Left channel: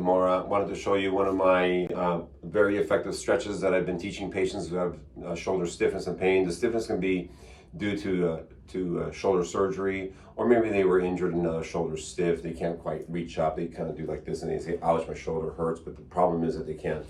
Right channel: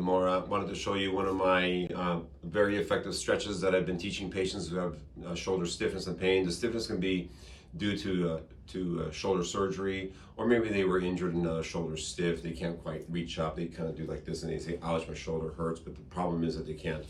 Amora. Wanted to show you one of my very effective stretches that I've been teaching patients who have shoulder stiffness and pain. The stiffness can be due to shoulder surgery, or maybe they were injured and now their shoulder's stiff. They can't quite reach up. They kind of do like this and they say, ouch, my shoulder hurts. But the problem is that they can't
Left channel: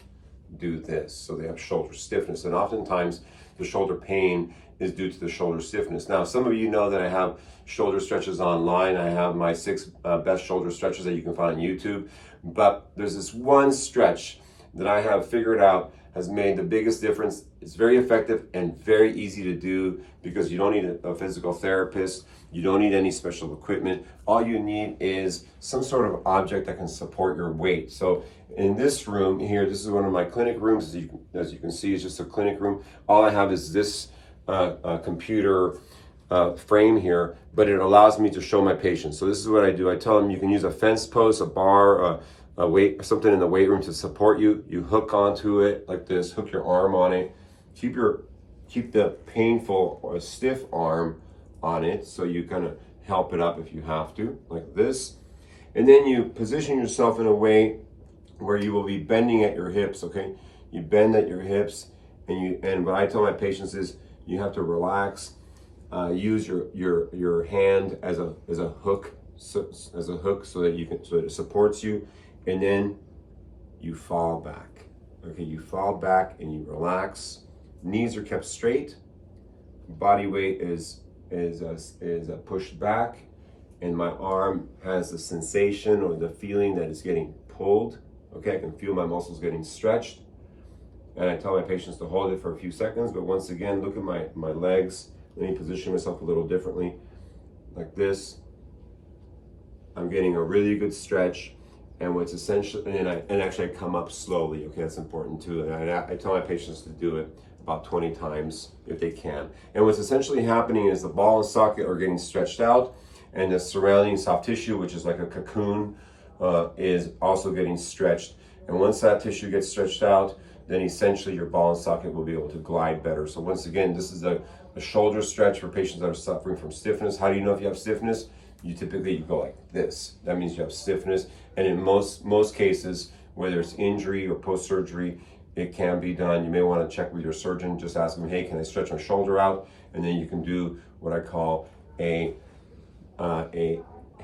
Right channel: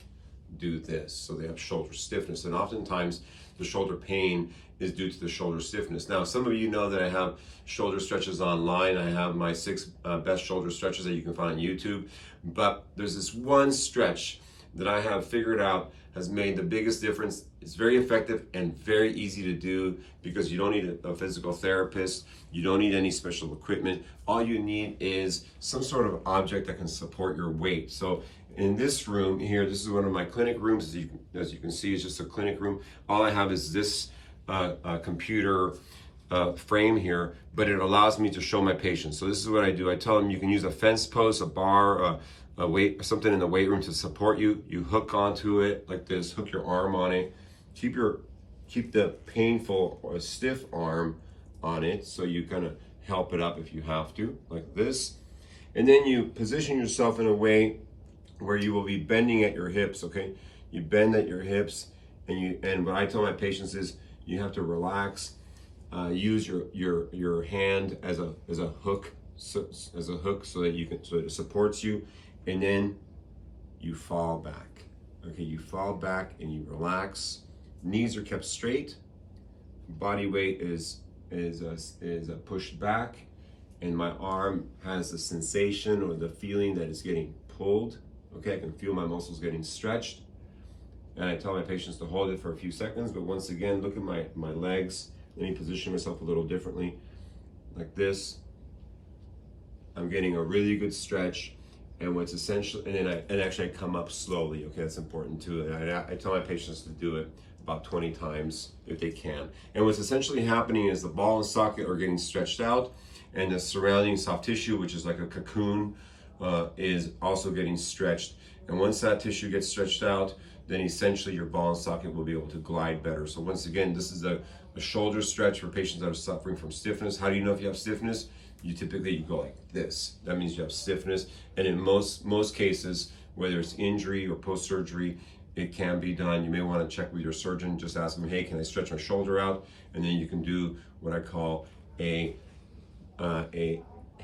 do this. So they have shoulder stiffness. And oftentimes the shoulder pain is due to the shoulder stiffness. Now, some of you know that I have shoulder stretches online. I have my 6 best shoulder stretches that you can find on YouTube. But there's this one stretch that I have figured out has made the biggest difference. It's very effective and very easy to do because you don't need a physical therapist. You don't need any special equipment. All you need is some sort of object that can support your weight. So in this room here, this is one of my clinic rooms. As you can see, it's just a clinic room. All I have is this computer frame here, but it allows me to show my patients. So this is what I do. I tell them you can use a fence post, a bar, a weight, something in the weight room to support you. You hook onto it like this, hook your arm on it. Keep the painful or stiff arm on it so you kind of help it up if you have to, like this. And then you position yourself in a way where you will be bending at your hips, okay? You bend at your hips, and what I tell my patients is you have to relax, use your hand as a hook, so that it supports you, and then you fall back. Okay, you fall back and you relax. Knees are kept straight. Body weight is pushed back, and my arm has the sensation or the feeling that it's getting pulled. Okay, I can feel my muscles getting stretched, and I tell my patients to hold it for a few seconds. But once again, look at my legs. Let me position myself a little differently, like this. I'm getting a really good stretch, and what's essential, and actually I come up slowly. Okay, that's important too. And I tell my patients to do it about 20 times if they can. And what's essentially happening is the ball and socket are getting stretched out, and the surrounding soft tissue, which is like a cocoon, is also getting stretched. And once that tissue gets stretched out, then essentially your ball and socket will be able to glide better. So once again, this is a shoulder stretch for patients that are suffering from stiffness. How do you know if you have stiffness? You go like this. That means you have stiffness. And in most cases, whether it's injury or post-surgery, it can be done. You may want to check with your surgeon. Just ask them, hey, can I stretch my shoulder out? And then you can do what I call a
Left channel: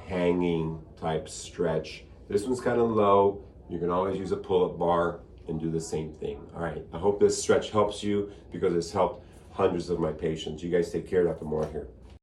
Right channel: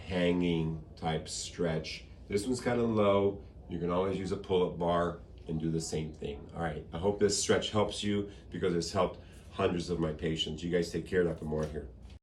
hanging type stretch. This one's kind of low. You can always use a pull-up bar and do the same thing. All right, I hope this stretch helps you because it's helped hundreds of my patients. You guys take care. Dr. Moore here.